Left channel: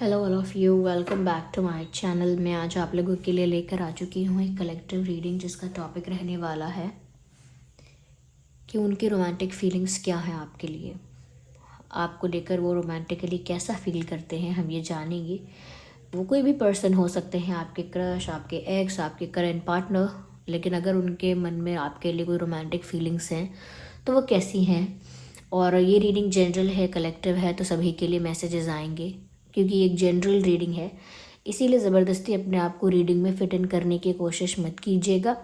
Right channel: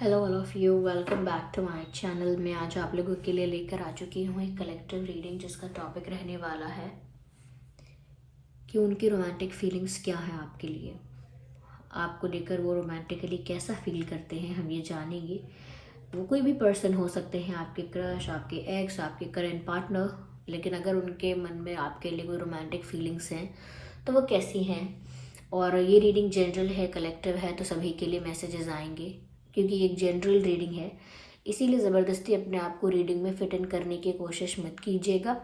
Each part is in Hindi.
Hello all of you, welcome back to my channel. मैं आज आप लोगों के लिए लेकर आ चुकी हूँ एक कलेक्टिव रीडिंग जिसका टॉपिक रहने वाला है कि उनकी रोमांटिक फीलिंग्स क्या है आपके लिए। आपको लेकर वो रोमांटिकली कैसा फील करते हैं हम ये जानेंगे। वो कोई भी पर्सन हो सकते हैं, आपके क्रश, आपके एक्स, आपके करंट पार्टनर, लेकिन अगर उनके मन में आपके लिए कोई रोमांटिक फीलिंग्स हैं तो वो कैसी हैं। और ये रीडिंग जनरल है, कलेक्टिव है, तो सभी के लिए मैसेजेस आएंगे क्योंकि एक जनरल रीडिंग है। इसीलिए ज़बरदस्ती अपने आप को रीडिंग में फिट इन करने की कोशिश मत कीजिएगा।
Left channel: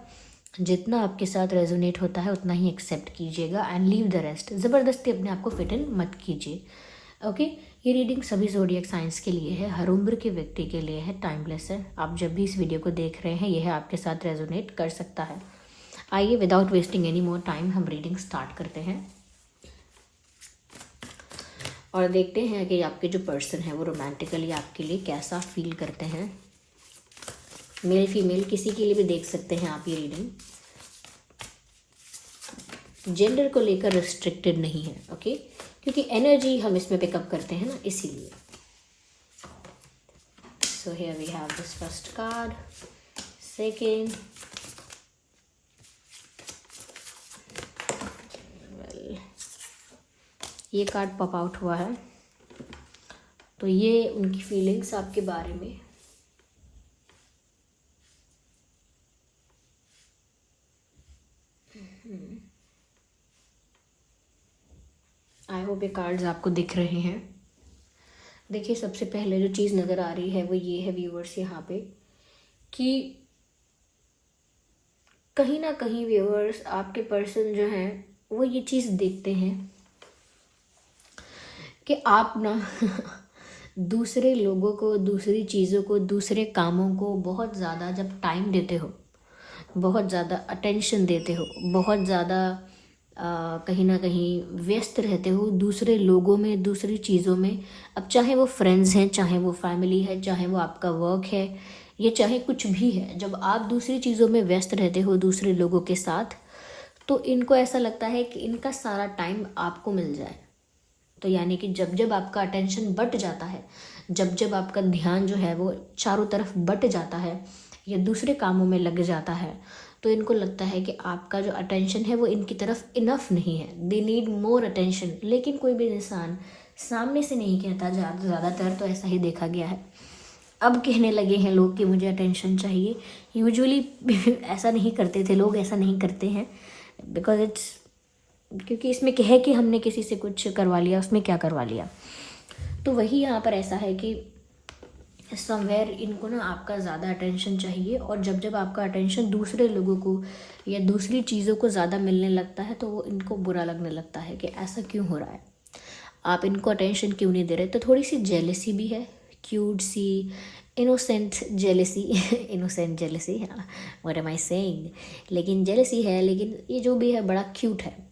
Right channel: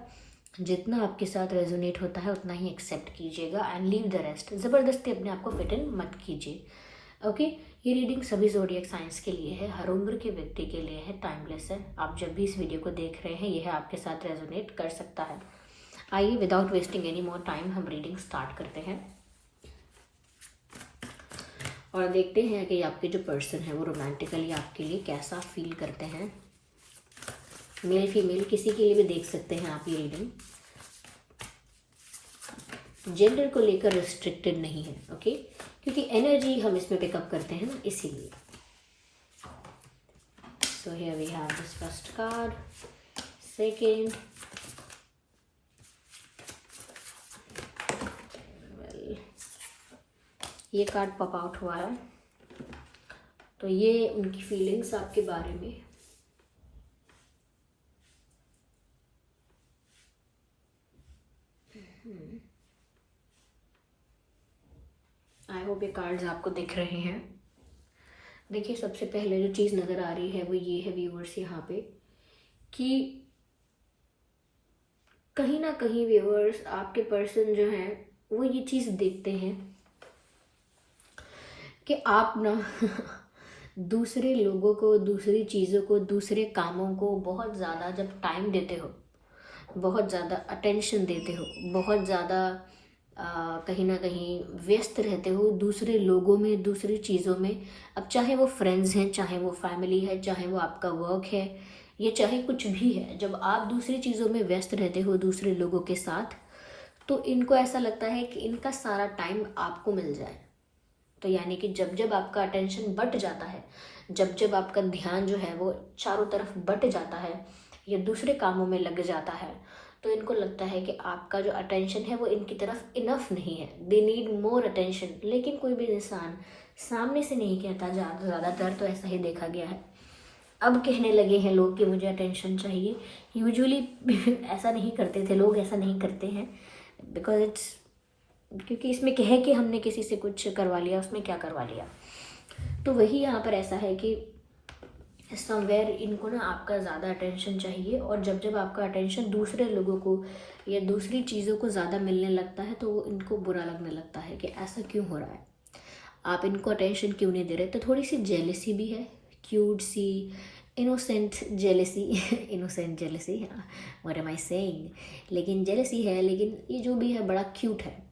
जितना आपके साथ रेजोनेट होता है उतना ही एक्सेप्ट कीजिएगा एंड लीव द रेस्ट। ज़बरदस्ती अपने आप को फिट इन मत कीजिए। ओके, ये रीडिंग सभी ज़ोडिएक साइंस के लिए है, हर उम्र के व्यक्ति के लिए है, टाइमलेस है। आप जब भी इस वीडियो को देख रहे हैं यह आपके साथ रेजोनेट कर सकता है। आइए without wasting any more time हम रीडिंग स्टार्ट करते हैं और देखते हैं कि आपके जो पर्सन है वो रोमांटिकली आपके लिए कैसा फील करते हैं। मेल फीमेल किसी के लिए भी देख सकते हैं आप ये रीडिंग। जेंडर को लेकर रिस्ट्रिक्टेड नहीं है, ओके, क्योंकि एनर्जी हम इसमें पिकअप करते हैं ना, इसीलिए। So here we have this first card, second, ये कार्ड पॉप आउट हुआ है, तो ये उनकी फीलिंग्स आपके बारे में। आई होप ये कार्ड्स आपको दिख रहे हैं। देखिए, सबसे पहले जो चीज़ नज़र आ रही है वो ये है व्यूअर्स यहाँ पे कि कहीं ना कहीं व्यूअर्स आपके पर्सन जो हैं वो ये चीज़ देखते हैं कि आप ना दूसरे लोगों को, दूसरी चीज़ों को, दूसरे कामों को बहुत ज़्यादा जब टाइम देते हो, बहुत ज़्यादा अटेंशन देते हो, बहुत ज़्यादा कहीं ना कहीं व्यस्त रहते हो दूसरे लोगों में, दूसरी चीज़ों में। अब चाहे वो फ्रेंड्स हैं, चाहे वो फैमिली है, चाहे वो आपका वर्क है, या चाहे कुछ भी है, जब आप दूसरी चीज़ों में व्यस्त रहते हो दूसरे लोगों के साथ, तो इनको ऐसा लगता है कि इनका सारा टाइम आपको मिल जाए। तो यानी कि जब जब आपका अटेंशन बट जाता है, जब जब आपका ध्यान जो है वो चारों तरफ बट जाता है या दूसरे कामों में लग जाता है, तो इनको लगता है कि आपका जो अटेंशन है वो इनकी तरफ इनफ नहीं है, दे नीड मोर अटेंशन। लेकिन कोई भी इंसान सामने से नहीं कहता, ज़्यादातर तो ऐसा ही देखा गया है। अब कहने लगे हैं लोग कि मुझे अटेंशन चाहिए। यूजुअली ऐसा नहीं करते थे लोग, ऐसा नहीं करते हैं, बिकॉज इट्स, क्योंकि इसमें क्या है कि हमने किसी से कुछ करवा लिया, उसमें क्या करवा लिया। तो वही यहाँ पर ऐसा है कि समवेयर इनको ना आपका ज़्यादा अटेंशन चाहिए, और जब जब आपका अटेंशन दूसरे लोगों को या दूसरी चीज़ों को ज़्यादा मिलने लगता है तो वो इनको बुरा लगने लगता है कि ऐसा क्यों हो रहा है, आप इनको अटेंशन क्यों नहीं दे रहे। तो थोड़ी सी जेलसी भी है, क्यूट सी इनोसेंट जेलसी इनोसेंट जेलसी, हाँ, व्हाट एम आई सेइंग, लेकिन जेलसी है। लेकिन ये जो भी है बड़ा क्यूट है,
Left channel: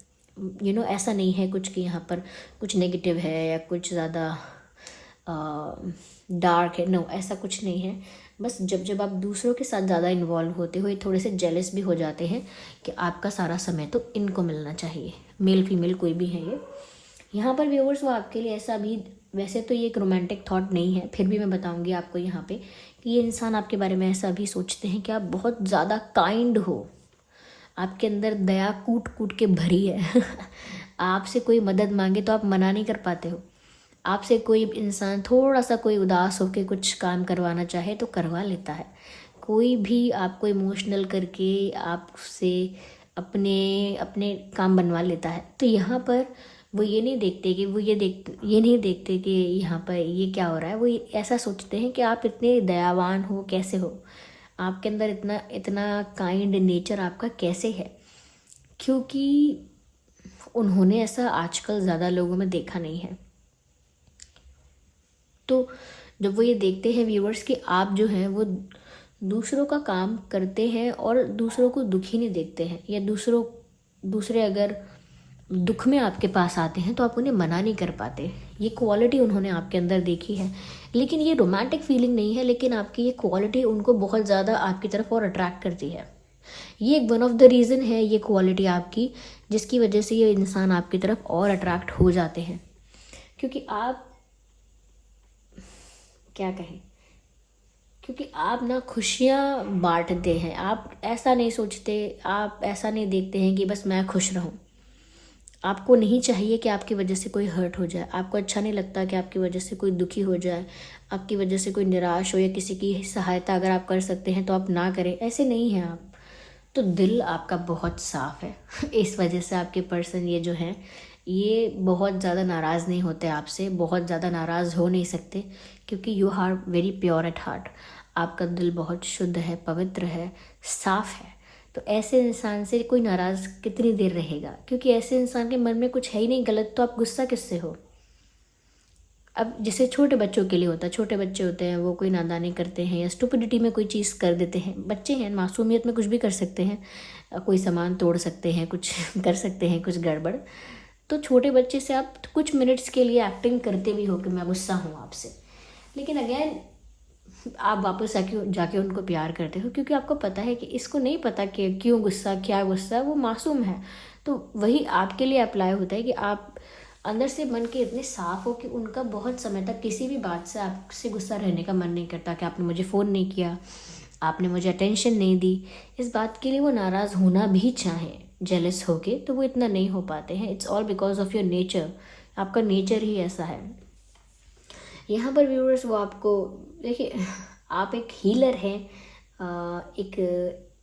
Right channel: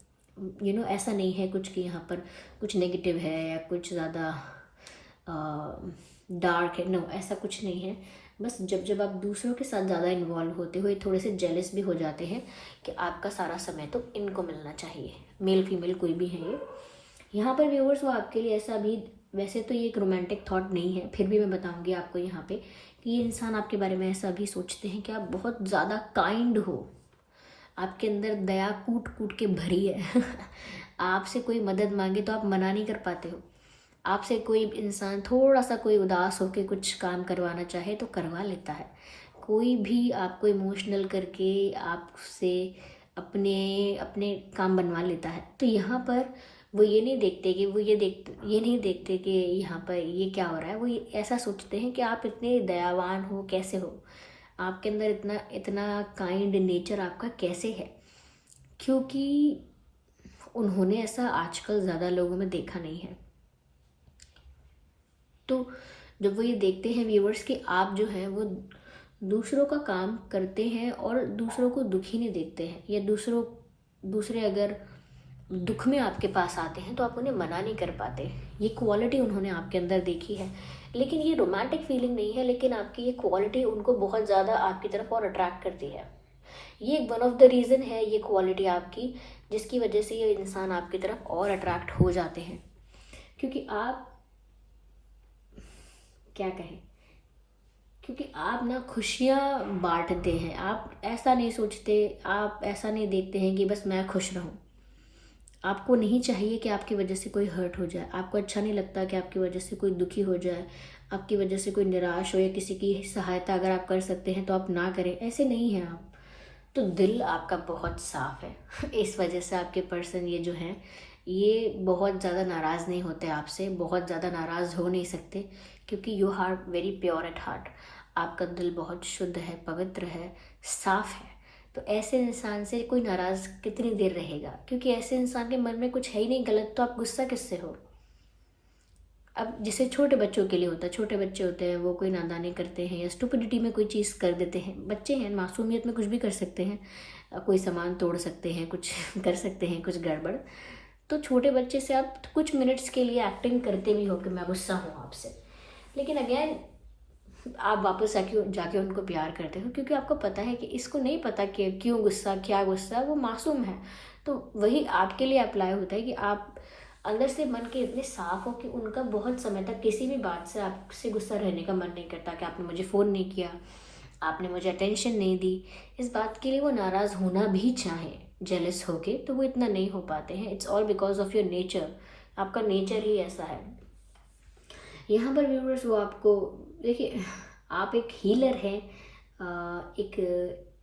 ऐसा नहीं है कुछ कि यहाँ पर कुछ नेगेटिव है या कुछ ज़्यादा डार्क है, नो, ऐसा कुछ नहीं है। बस जब जब आप दूसरों के साथ ज़्यादा इन्वॉल्व होते हो, ये थोड़े से जेलस भी हो जाते हैं कि आपका सारा समय तो इनको मिलना चाहिए। मेल फीमेल कोई भी है ये यहाँ पर व्यूअर्स, वो आपके लिए ऐसा भी, वैसे तो ये एक रोमांटिक थॉट नहीं है, फिर भी मैं बताऊंगी आपको यहाँ पे कि ये इंसान आपके बारे में ऐसा भी सोचते हैं कि आप बहुत ज़्यादा काइंड हो, आपके अंदर दया कूट कूट के भरी है आपसे कोई मदद मांगे तो आप मना नहीं कर पाते हो। आपसे कोई इंसान थोड़ा सा कोई उदास होकर कुछ काम करवाना चाहे तो करवा लेता है। कोई भी आपको इमोशनल करके आपसे अपने अपने काम बनवा लेता है। तो यहाँ पर वो ये नहीं देखते कि ये नहीं देखते कि यहाँ पर ये क्या हो रहा है। वो ऐसा सोचते हैं कि आप इतने दयावान हो, कैसे हो, आपके अंदर इतना इतना काइंड नेचर आपका कैसे है, क्योंकि उन्होंने ऐसा आजकल ज़्यादा लोगों में देखा नहीं है। तो जब वो ये देखते हैं व्यूअर्स कि आप जो हैं वो दूसरों का काम करते हैं और दूसरों को दुखी नहीं देखते हैं, या दूसरे अगर दुख में आपके पास आते हैं तो आप उन्हें मना नहीं कर पाते, ये क्वालिटी उन्होंने आपके अंदर देखी है। लेकिन ये रोमांटिक फीलिंग नहीं है, लेकिन आपकी ये क्वालिटी उनको बहुत ज़्यादा आपकी तरफ और अट्रैक्ट करती है। ये एक वन ऑफ द रीज़न है, ये क्वालिटी आपकी, जिसकी वजह से ये इंसान आपकी तरफ और अट्रैक्ट हो जाते हैं, क्योंकि आप क्या कहें, क्योंकि आप ना खुशियाँ बांटते हैं। आप ऐसा नहीं सोचते, आप ऐसा नहीं देखते हैं कि बस मैं खुश रहूं। आपको नहीं चाहिए कि आपकी वजह से कोई हर्ट हो जाए। आपको अच्छा नहीं लगता कि आपकी वजह से कोई दुखी हो जाए, आपकी वजह से कोई निराश हो, या किसी की सहायता अगर आप कर सकते हैं तो आप ना करें। ऐसे नहीं हैं आप। तो दिल आपका बहुत साफ है। इस वजह से आपके पर्सन ये जो है, ये बहुत ज़्यादा नाराज़ नहीं होते आपसे, बहुत ज़्यादा नाराज़ हो नहीं सकते, क्योंकि you are very pure at heart. आपका दिल बहुत शुद्ध है, पवित्र है, साफ है। तो ऐसे इंसान से कोई नाराज़ कितनी देर रहेगा, क्योंकि ऐसे इंसान के मन में कुछ है ही नहीं गलत, तो आप गुस्सा किससे हो। अब जैसे छोटे बच्चों के लिए होता है, छोटे बच्चे होते हैं, वो कोई नादानी करते हैं या स्टुपिडिटी में कोई चीज़ कर देते हैं। बच्चे हैं, मासूमियत में कुछ भी कर सकते हैं, कोई सामान तोड़ सकते हैं, कुछ कर सकते हैं, कुछ गड़बड़। तो छोटे बच्चे से आप कुछ मिनट्स के लिए एक्टिंग करते भी हो कि मैं गुस्सा हूँ आपसे, लेकिन अगेन आप वापस आके जाके उनको प्यार करते हो, क्योंकि आपको पता है कि इसको नहीं पता कि क्यों गुस्सा, क्या गुस्सा, वो मासूम है। तो वही आपके लिए अप्लाई होता है कि आप अंदर से मन के इतने साफ हो कि उनका बहुत समय तक किसी भी बात से आपसे गुस्सा रहने का मन नहीं करता कि आपने मुझे फ़ोन नहीं किया, आपने मुझे अटेंशन नहीं दी। इस बात के लिए वो नाराज़ होना भी चाहे, जेलस होके, तो वो इतना नहीं हो पाते हैं। It's all because of your nature. आपका नेचर ही ऐसा है। यहाँ पर व्यूअर्स, वो आपको देखिए, आप एक हीलर हैं, एक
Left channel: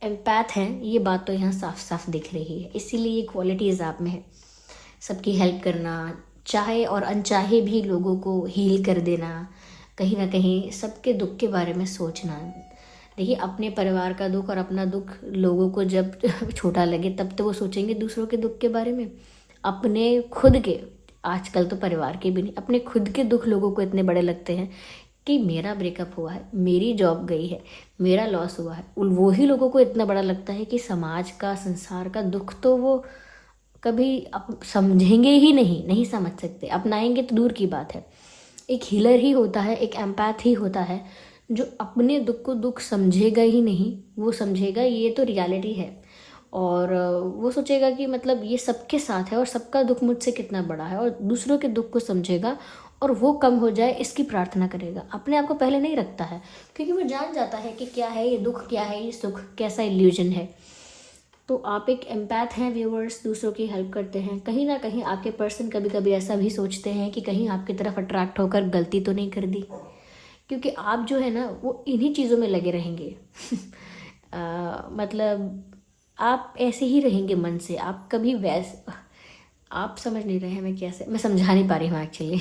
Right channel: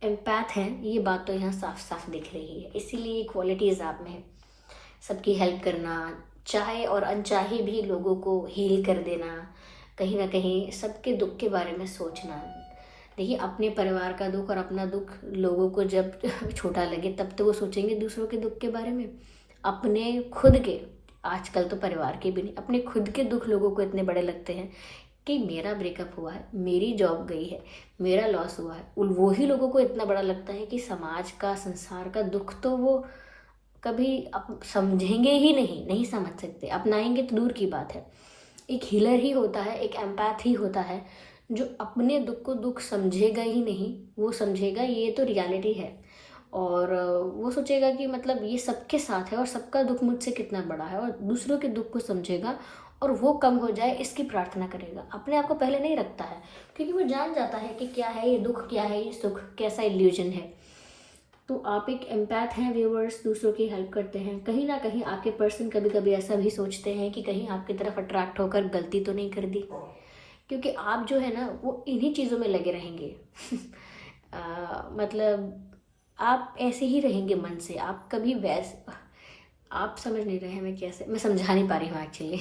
एम्पैथ हैं, ये बात तो यहाँ साफ साफ दिख रही है। इसीलिए ये क्वालिटीज़ आप में है, सबकी हेल्प करना, चाहे और अनचाहे भी लोगों को हील कर देना, कहीं ना कहीं सबके दुख के बारे में सोचना। देखिए, अपने परिवार का दुख और अपना दुख लोगों को जब छोटा लगे तब तो वो सोचेंगे दूसरों के दुख के बारे में। अपने खुद के, आजकल तो परिवार के भी नहीं, अपने खुद के दुख लोगों को इतने बड़े लगते हैं कि मेरा ब्रेकअप हुआ है, मेरी जॉब गई है, मेरा लॉस हुआ है। वो ही लोगों को इतना बड़ा लगता है कि समाज का, संसार का दुख तो वो कभी समझेंगे ही नहीं, नहीं समझ सकते, अपनाएंगे तो दूर की बात है। एक हीलर ही होता है, एक एम्पैथ ही होता है जो अपने दुख को दुख समझेगा ही नहीं, वो समझेगा ये तो रियलिटी है, और वो सोचेगा कि मतलब ये सबके साथ है और सबका दुख मुझसे कितना बड़ा है, और दूसरों के दुख को समझेगा और वो कम हो जाए इसकी प्रार्थना करेगा। अपने आप को पहले नहीं रखता है, क्योंकि वो जान जाता है कि क्या है ये दुख, क्या है ये सुख, कैसा इल्यूजन है। तो आप एक एम्पैथ हैं व्यूअर्स, दूसरों की हेल्प करते हैं। कहीं ना कहीं आपके पर्सन कभी कभी ऐसा भी सोचते हैं कि कहीं आपकी तरफ अट्रैक्ट होकर गलती तो नहीं कर दी, क्योंकि आप जो है ना वो इन्हीं चीज़ों में लगे रहेंगे। मतलब आप ऐसे ही रहेंगे मन से, आप कभी आप समझ नहीं रहे हैं मैं कैसे, मैं समझा नहीं पा रही हूँ एक्चुअली।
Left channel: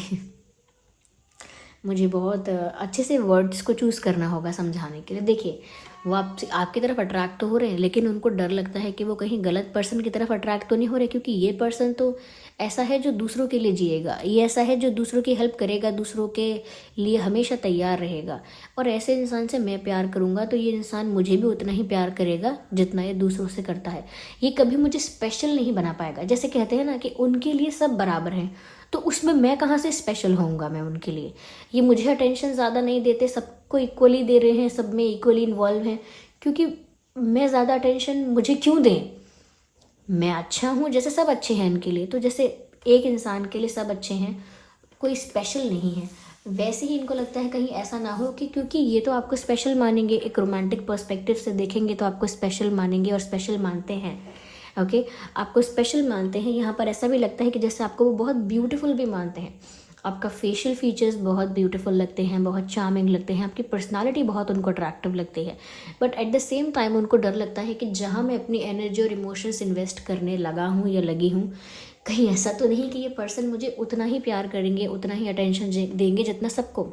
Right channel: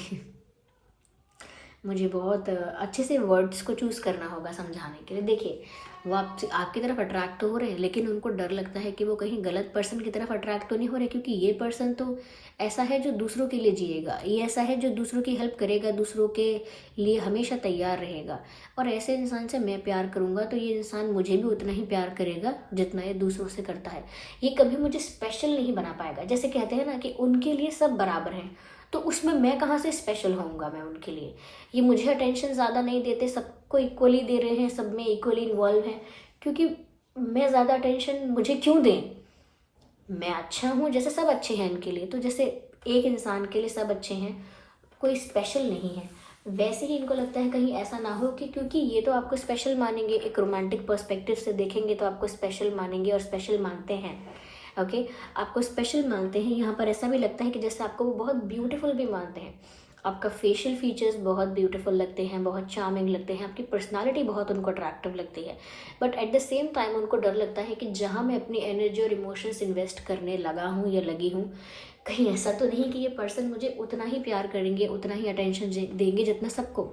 मुझे बहुत अच्छे से वर्ड्स को चूज़ करना होगा समझाने के लिए। देखिए, वो आपकी तरफ अट्रैक्ट तो हो रहे हैं, लेकिन उनको डर लगता है कि वो कहीं गलत पर्सन की तरफ अट्रैक्ट तो नहीं हो रहे, क्योंकि ये पर्सन तो ऐसा है जो दूसरों के लिए जिएगा, ये ऐसा है जो दूसरों की हेल्प करेगा, दूसरों के लिए हमेशा तैयार रहेगा। और ऐसे इंसान से मैं प्यार करूँगा तो ये इंसान मुझे भी उतना ही प्यार करेगा जितना ये दूसरों से करता है। ये कभी मुझे स्पेशल नहीं बना पाएगा। जैसे कहते हैं ना कि उनके लिए सब बराबर हैं, तो उसमें मैं कहाँ से स्पेशल होऊंगा मैं उनके लिए। ये मुझे अटेंशन ज़्यादा नहीं देते, सबको इक्वली दे रहे हैं, सब में इक्वली इन्वॉल्व हैं, क्योंकि मैं ज़्यादा अटेंशन मुझे क्यों दें। मैं अच्छा हूँ, जैसे सब अच्छे हैं इनके लिए, तो जैसे एक इंसान के लिए सब अच्छे हैं, कोई स्पेशल नहीं है, वैसे ही इनको लगता है कहीं ऐसा ना हो कि क्योंकि ये तो आपको स्पेशल मानेंगे, एक रोमांटिक पर्सपेक्टिव से देखेंगे तो आपको स्पेशल मानेंगे और स्पेशल मानते हैं। ओके, आपको स्पेशल मानते हैं। यहाँ पर ऐसा भी लगता है कि जैसे आपको वो बहुत ब्यूटीफुल भी मानते हैं। आपका फेशियल फीचर्स बहुत ब्यूटीफुल लगते हैं, बहुत चार्मिंग लगते हैं, आपकी पर्सनालिटी बहुत उनको अट्रैक्टिव लगती है। But at the same time उनको डर लगता है कि जहाँ मैं अपनी एनर्जी और इमोशंस इन्वेस्ट करने लगा हूँ या लगी हूँ, कहीं ऐसा तो नहीं कि ये पर्सन मुझे उतना ही प्यार करेंगे, उतना ही अटेंशन देंगे जितना सबको।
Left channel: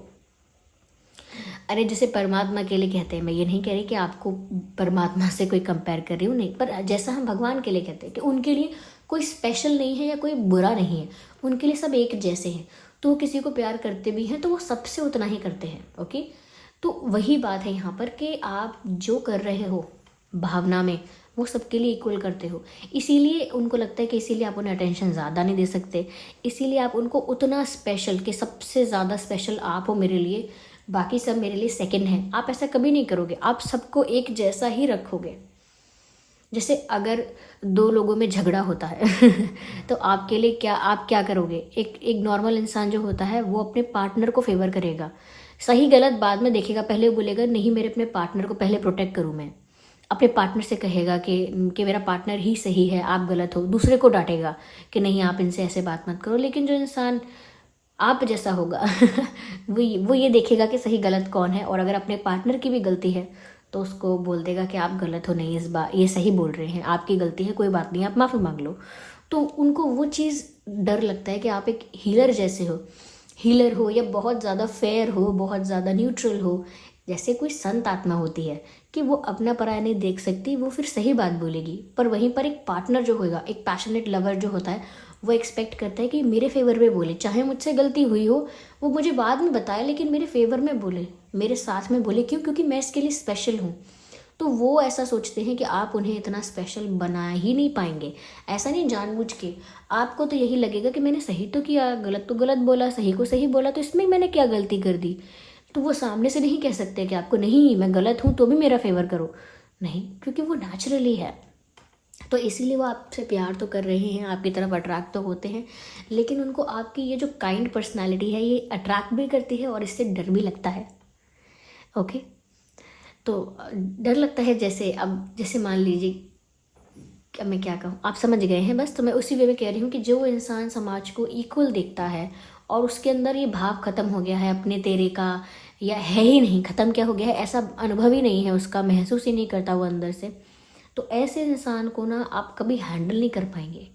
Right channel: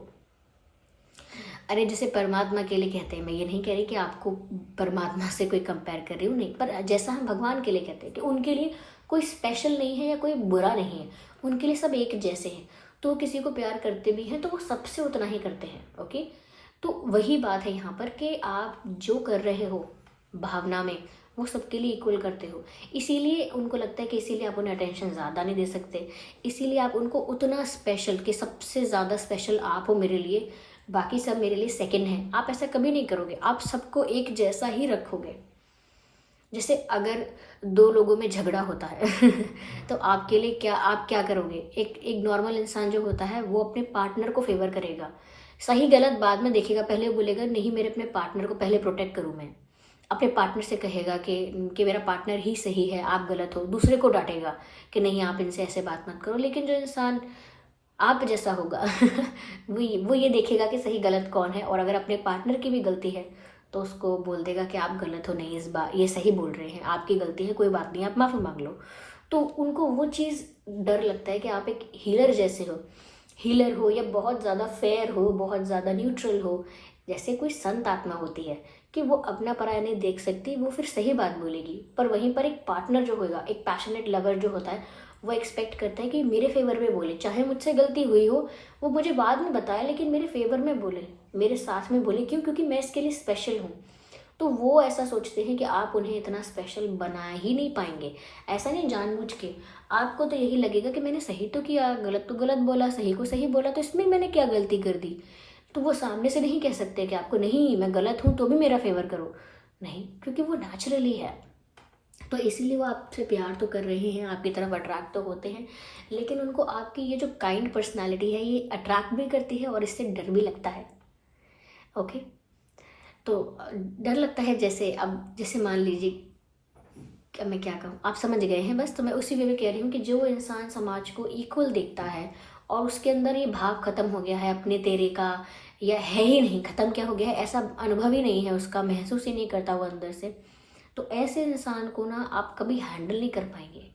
अरे जैसे परमात्मा के लिए कहते हैं, मैं ये नहीं कह रही कि आपको परमात्मा से कोई कंपेयर कर रही हूँ, नहीं, पर जैसा हम भगवान के लिए कहते हैं कि उनके लिए कोई स्पेशल नहीं है या कोई बुरा नहीं है, उनके लिए सब एक जैसे हैं। तो किसी को प्यार करते भी हैं तो वो सबसे उतना ही करते हैं। ओके, तो वही बात है यहाँ पर कि आप जो कर रहे हो भावना में, वो सबके लिए इक्वल करते हो। इसीलिए उनको लगता है कि इसीलिए आप उन्हें अटेंशन ज़्यादा नहीं दे सकते, इसीलिए आप उनको उतना स्पेशल, कि सबसे ज़्यादा स्पेशल आप हो मेरे लिए, बाकी सब मेरे लिए सेकंड है। आप ऐसा कभी नहीं करोगे, आप सबको एक जैसा ही रखोगे। जैसे अगर दो लोगों में झगड़ा होता है तो आपके लिए क्या, आप क्या करोगे? एक नॉर्मल इंसान जो होता है वो अपने पार्टनर को फेवर करेगा, सही गलत बाद में देखेगा, पहले बोलेगा नहीं मेरे अपने पार्टनर को पहले प्रोटेक्ट करूँ मैं, अपने पार्टनर से कहेगा कि मेरा पार्टनर ही सही है, आप गलत हो, दूसरे को डांटेगा कि नहीं आप इनसे ऐसे बात मत करो। लेकिन जो इंसान आप जैसा होगा वो ये देखेगा कि सही गलत कौन है, और अगर अपने पार्टनर की भी गलती है तो उसको बोल देगा कि आप गलत हो, नहीं इस बार ये सही बोल रहे हैं, आपकी गलती है, कोई बात नहीं, आप माफ़ी मांग लो। तो उनको वो चीज़ डर लगता है कि आप एक हीलर जैसे हो, हीलर हो या बहुत ज़्यादा फेयर हो, बहुत ज़्यादा न्यूट्रल हो, जैसे कोई संत आत्मा होती है कि वो अपना पराया नहीं देख सकती, वो फिर सही बात बोलेगी। पर वहीं पर एक पार्टनर जो होगा, एक पैशनेट लवर जो होता है, वो एक्सपेक्ट करता है कि मेरे फेवर में बोले, चाहे मुझसे गलती हुई हो वो मुझे बाद में बताए, लेकिन मेरे फेवर में बोले, मेरे साथ में बोले। क्यों? क्योंकि मैं इसके लिए स्पेशल हूँ। तो वो ऐसा सोचते हैं कि आप उन्हें इतना स्पेशल बना ही नहीं पाएंगे। ऐसा नहीं जानबूझ के, आपको तो यही लगेगा कि मैंने सही तो किया, गलत तो गलत बोला, सही को सही बोला, तो इसमें मैंने क्या गलती कर दी। तो वो सामने से नहीं कह सकते कि आपको नहीं मैं गलत हूँ तो भी मेरा फेवर करो, नहीं, क्योंकि वो नेचुरली है। तो इसीलिए वो आपसे प्यार तो कर रहे हैं, आपकी तरफ अट्रैक्ट तो होते हैं, लेकिन उनको आपकी ये जो काइंड पर्सनालिटी है ये अट्रैक्ट भी करती है और इससे डर भी लगता है। ओके, तो डर लगता है। जैसे मान लीजिए, अब मैं क्या कहूँ, आप समझ गए हैं बस। तो मैं उसी वे में कह रही हूँ कि जो इंसान समाज को इक्वल देखता है और उसके अंदर ये भाव खत्म हो गया है अपने तेरे का, या है ही नहीं, खत्म क्या हो गया है, ऐसा अनुभव ही नहीं है उसका, महसूस ही नहीं करता वो अंदर से, तो ऐसे इंसान को ना आप कभी हैंडल नहीं कर पाएंगे,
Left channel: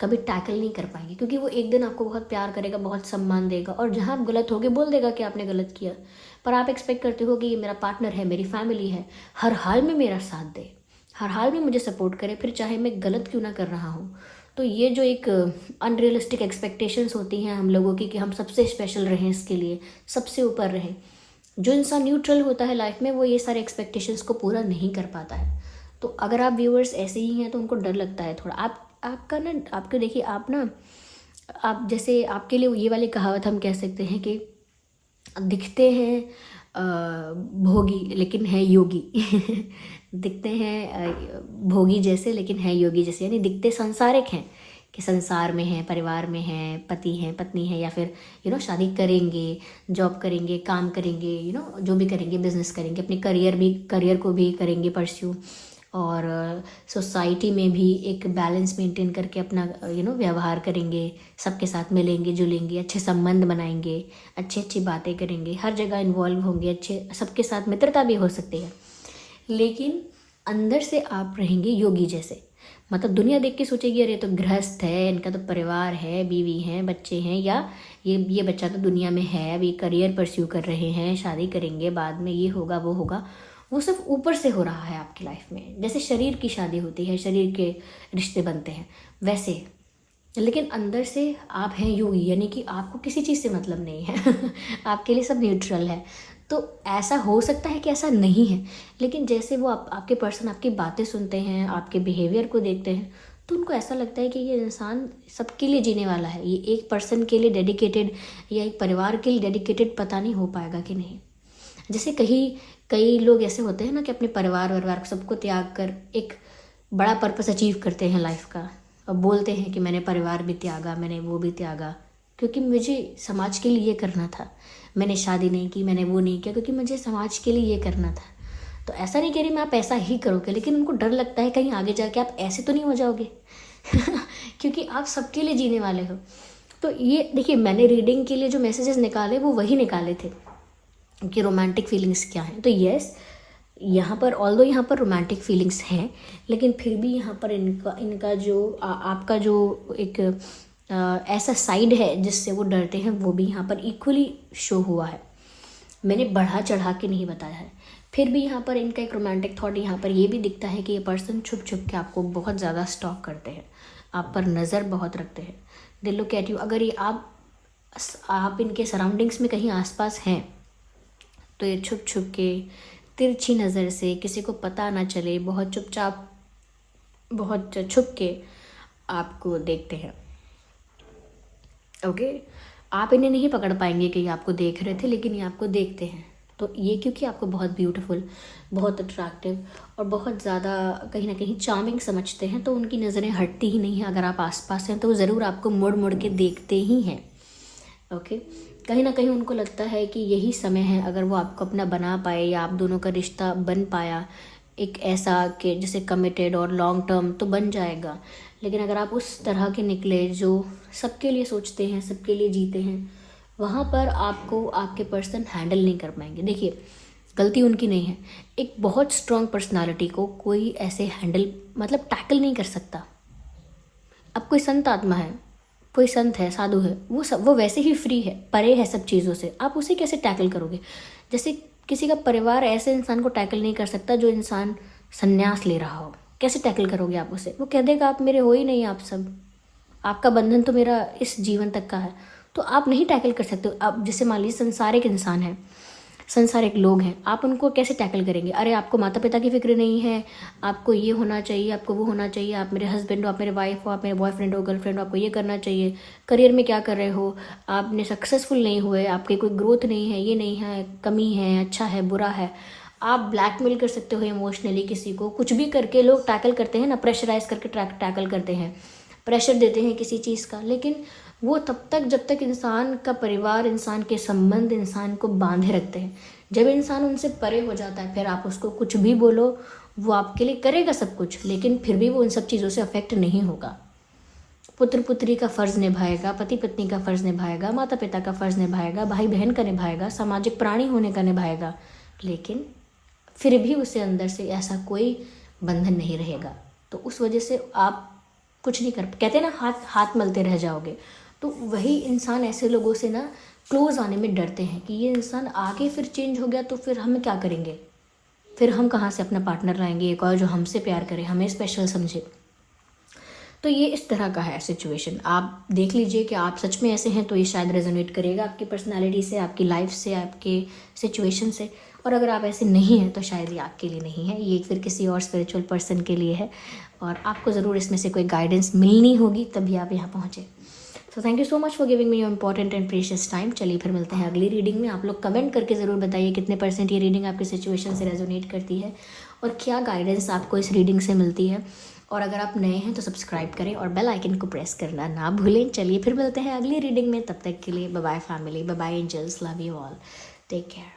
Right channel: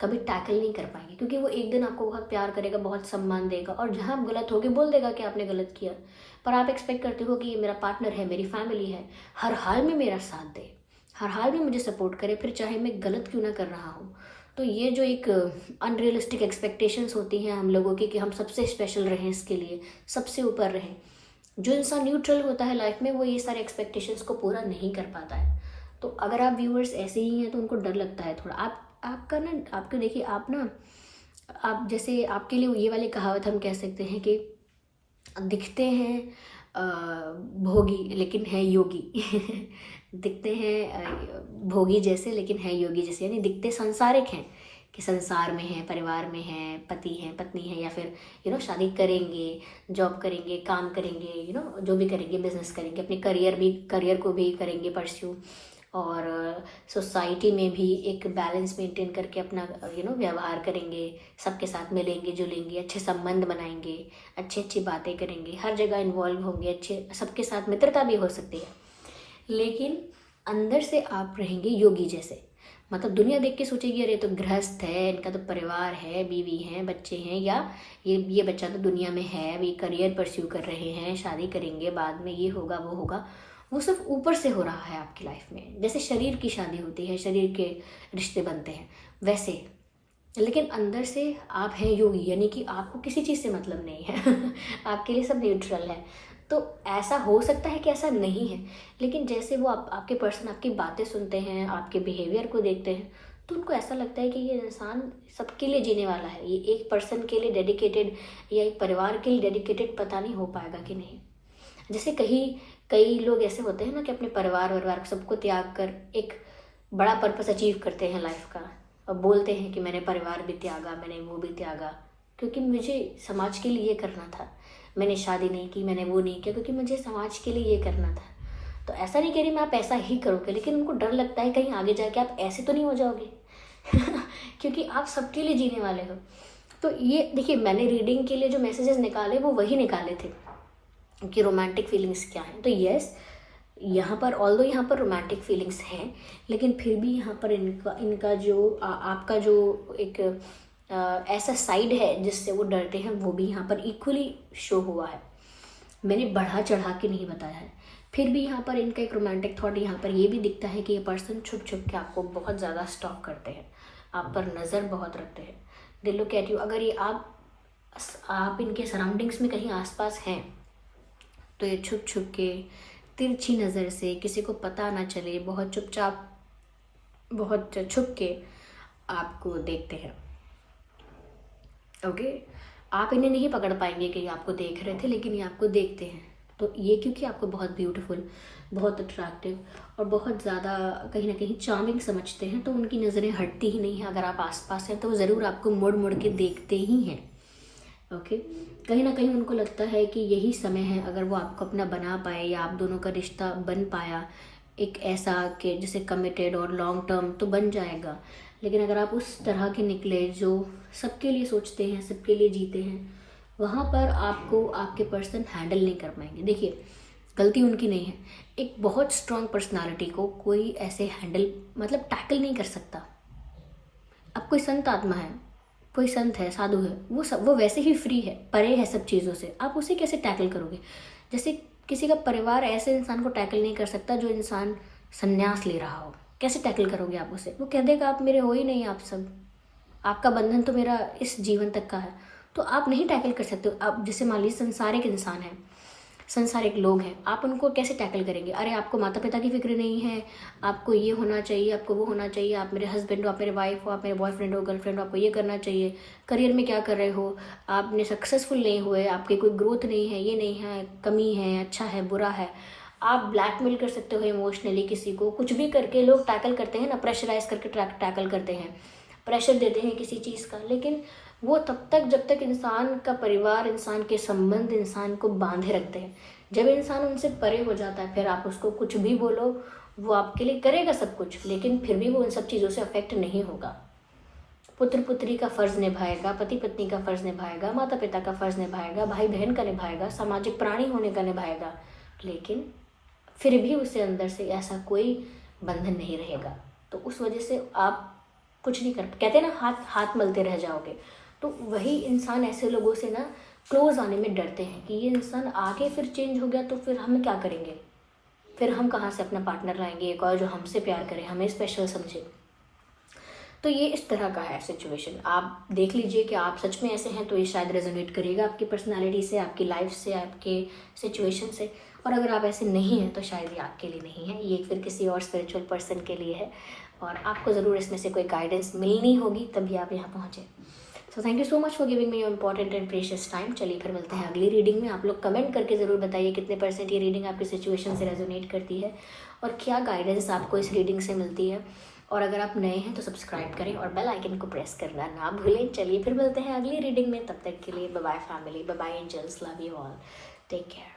कभी टैकल नहीं कर पाएंगे, क्योंकि वो एक दिन आपको बहुत प्यार करेगा, बहुत सम्मान देगा, और जहाँ आप गलत होगे बोल देगा कि आपने गलत किया। पर आप एक्सपेक्ट करते हो कि ये मेरा पार्टनर है, मेरी फैमिली है, हर हाल में मेरा साथ दे, हर हाल में मुझे सपोर्ट करे, फिर चाहे मैं गलत क्यों ना कर रहा हूँ। तो ये जो एक अनरियलिस्टिक एक्सपेक्टेशंस होती हैं हम लोगों की कि हम सबसे स्पेशल रहें, इसके लिए सबसे ऊपर रहें, जो इंसान न्यूट्रल होता है लाइफ में वो ये सारे एक्सपेक्टेशंस को पूरा नहीं कर पाता है। तो अगर आप व्यूअर्स ऐसे ही हैं तो उनको डर लगता है थोड़ा। आपका ना, आपको देखिए, आप ना, आप जैसे आपके लिए ये वाली कहावत हम कह सकते हैं कि दिखते हैं भोगी लेकिन है योगी दिखते हैं भोगी जैसे लेकिन है योगी जैसे, यानी दिखते सांसारिक हैं कि संसार में है, परिवार में है, पति हैं, पत्नी है, या फिर शादी करेंगे, जॉब करेंगे, काम करेंगे, जो भी करेंगे, बिजनेस करेंगे, अपने करियर को भी करेंगे परस्यू, और सोसाइटी में भी एक बैलेंस मेंटेन करके अपना व्यवहार करेंगे, सबके साथ मिलेंगे जुलेंगे, अच्छे संबंध बनाएंगे, अच्छी अच्छी बातें करेंगे, हर जगह इन्वॉल्व होंगे, अच्छे सबके साथ मित्रता भी हो सकती है। लेकिन अंदर से आप रहेंगे योगी जैसे, मतलब दुनिया देख के सोचेगी अरे तो गृहस्थ है, इनका तो परिवार है, बीवी है, बच्चे हैं, या ये बच्चा तो दुनिया में है, अभी करियर परस्यू कर रहे हैं, शादी करेंगे, बाद में ये होगा वो होगा। वो सिर्फ ऊपर से हो रहा है आपकी लाइफ में, जैसे शरीर की शादी होती है, शरीर के रिश्ते बनते हैं वैसे। लेकिन अंदर से आप हैं योगी, यानी कि आपको किसी चीज़ से मतलब नहीं है आपके लिए सब न्यूट्रल है। तो ऐसा हो सकता है कि ऐसा नहीं है, लेकिन जैसे वो आपके पर्सन आपकी बातें सुनते हैं, आपके बिहेवियर को देखते हैं, तो उनको ऐसा लगता है कि ये इंसान सबके लिए जीने वाला है, ये एक पर्सन के लिए डेडिकेटेड या एक परिवार के लिए डेडिकेटेड पता नहीं हो पाएगा कि नहीं। जैसे कई लोग ऐसे होते हैं ना कि अपने परिवार सबको त्याग कर एक बड़ा पर्पस अचीव करते हैं लाइफ का, और बोलते हैं कि मैंने परिवार भी त्यागा, मैंने वो भी त्यागा, क्योंकि मुझे समाज के लिए ये करना था, मैंने शादी नहीं की, मैंने वो नहीं किया, क्योंकि मुझे समाज के लिए ये करना था। तो ऐसा नहीं कह रही मैं आप ऐसा ही करोगे, लेकिन उनको डर लगता है कहीं आगे जाके आप ऐसे तो नहीं हो जाओगे क्योंकि आप सबके लिए जीने वाले हो। तो ये देखिए, मैंने रीडिंग के लिए जो मैसेजेस निकाले वो वही निकाले थे कि रोमांटिक फीलिंग्स क्या है। तो यस, यहाँ पर ऑल्दो यहाँ पर रोमांटिक फीलिंग्स हैं, लेकिन फिर भी यहाँ पर इनका जो आपका जो एक ऐसा साइड है जिससे वो डरते हैं, वो भी यहाँ पर इक्वली शो हुआ है। मैंने बढ़ा चढ़ा के नहीं बताया है। फिर भी यहाँ पर इनका एक रोमांटिक थॉट यहाँ पर ये भी दिखता है कि ये पर्सन छुप छुप के आपको बहुत ज़्यादा स्टॉक करते हैं, आप पर नज़र बहुत रखते हैं। They look at you. अगर ये आप इनके सराउंडिंग्स में कहीं आसपास हैं तो ये छुप छुप के तिरछी नज़र से, किसी को पता ना चले, बहुत चुपचाप, बहुत छुप के आपको देखते हैं। ओके, आप इन्हें नहीं पकड़ पाएंगे कि ये आपको देख रहे थे, लेकिन ये आपको देखते हैं। तो ये क्योंकि आपको बहुत ब्यूटीफुल, बहुत अट्रैक्टिव और बहुत ज़्यादा कहीं ना कहीं चार्मिंग समझते हैं, तो उनकी नज़रें हटती ही नहीं हैं। अगर आप आसपास हैं तो ज़रूर आपको मुड़ मुड़ के देखते ही हैं। ओके, कहीं ना कहीं उनको लगता है कि यही समय है, अगर वो आपको अपना बना पाए या आप दोनों का रिश्ता बन पाया एक ऐसा कि जैसे कमिटेड और लॉन्ग टर्म, तो बन जाएगा। लेकिन अगर आप उस तरह के निकले जो सबके लिए सोचते हैं, सबके लिए जीते हैं, वहाँ पर आपको आपके पर्सन हैंडल नहीं कर पाएंगे। देखिए, गलती उनकी नहीं है। एक बहुत स्ट्रॉन्ग पर्सनालिटी को कोई ऐसे हैंडल मतलब टैकल नहीं कर सकता। अब कोई संत आत्मा है, कोई संत है, साधु है, वो वैसे ही फ्री है, परे है सब चीज़ों से, आप उसे कैसे टैकल करोगे? जैसे किसी का परिवार ऐसे इंसान को टैकल नहीं कर सकता जो इंसान संन्यास ले रहा हो, कैसे टैकल करोगे आप उसे? वो कह देगा आप मेरे हो ही नहीं, आप सब, आपका बंधन तो मेरा इस जीवन तक का है, तो आप नहीं टैकल कर सकते हो। आप जैसे मान लीजिए संसारिक इंसान है, संसारिक लोग हैं, आप उनको कैसे टैकल करेंगे? अरे आपको माता पिता की फिक्र नहीं है, आपको ये होना चाहिए, आपको वो होना चाहिए, आप मेरे हस्बैंड हो, आप मेरे वाइफ हो, आप मेरे बॉयफ्रेंड हो, गर्लफ्रेंड हो, आपको ये करना चाहिए, करियर में क्या कर रहे हो, आपने सक्सेसफुल नहीं हुए, आपकी कोई ग्रोथ नहीं है, ये नहीं है, कमी है, अच्छा है, बुरा है। आप ब्लैकमेल कर सकते हो इमोशनली किसी को, कुछ भी करके लोग टैकल करते हैं ना, प्रेशराइज करके टैकल करते हैं, प्रेशर देते हैं किसी चीज़ का। लेकिन वो तब तक जब तक इंसान का परिवार, इंसान के संबंध इंसान को बांधे रखते हैं। जब इंसान उनसे परे हो जाता है, फिर आप उसको कुछ भी बोलो, वो आपके लिए करेगा सब कुछ, लेकिन फिर भी वो इन सब चीज़ों से अफेक्ट नहीं होगा। पुत्र पुत्री का फ़र्ज़ निभाएगा, पति पत्नी का फ़र्ज़ निभाएगा, माता पिता का फ़र्ज़ निभाएगा, भाई बहन का निभाएगा, सामाजिक प्राणी होने का निभाएगा, लेकिन फिर भी उसे अंदर से ऐसा कोई बंधन नहीं रहेगा। तो उस वजह से आप कुछ नहीं कर, कहते हैं ना, हाथ हाथ मलते रह जाओगे। तो वही इंसान ऐसे लोगों से ना क्लोज आने में डरते हैं कि ये इंसान आगे फिर चेंज हो गया तो फिर हम क्या करेंगे, फिर हम कहाँ से अपना पार्टनर लाएंगे एक और जो हमसे प्यार करे, हमें स्पेशल समझे। तो ये इस तरह का है सिचुएशन। आप देख लीजिए कि आप सच में ऐसे हैं तो ये शायद रेजोनेट करेगा आपकी पर्सनालिटी से, आपकी लाइफ से, आपके सिचुएशन से। और अगर आप ऐसे नहीं हैं तो शायद ये आपके लिए नहीं है, ये फिर किसी और स्पिरिचुअल पर्सन के लिए है, और आपको ज़रूर इसमें से कोई गाइडेंस मिलनी होगी तभी आप यहाँ पहुँचे। So thank you so much for giving me your important and precious time. चलिए फिर मिलते हैं अगली रीडिंग में। आप लोग कमेंट करके ज़रूर बताइए कितने % ये रीडिंग आपकी सिचुएशन से रेजोनेट करती है और क्या गाइडेंस आपको इस रीडिंग से मिलती है। और अगर आप नए हैं तो सब्सक्राइब करें और बेल आइकन को प्रेस करना ना भूलें। चलिए फिर मिलते हैं अगली रीडिंग में, तब तक के लिए bye bye family, bye bye angels, love you all, take care.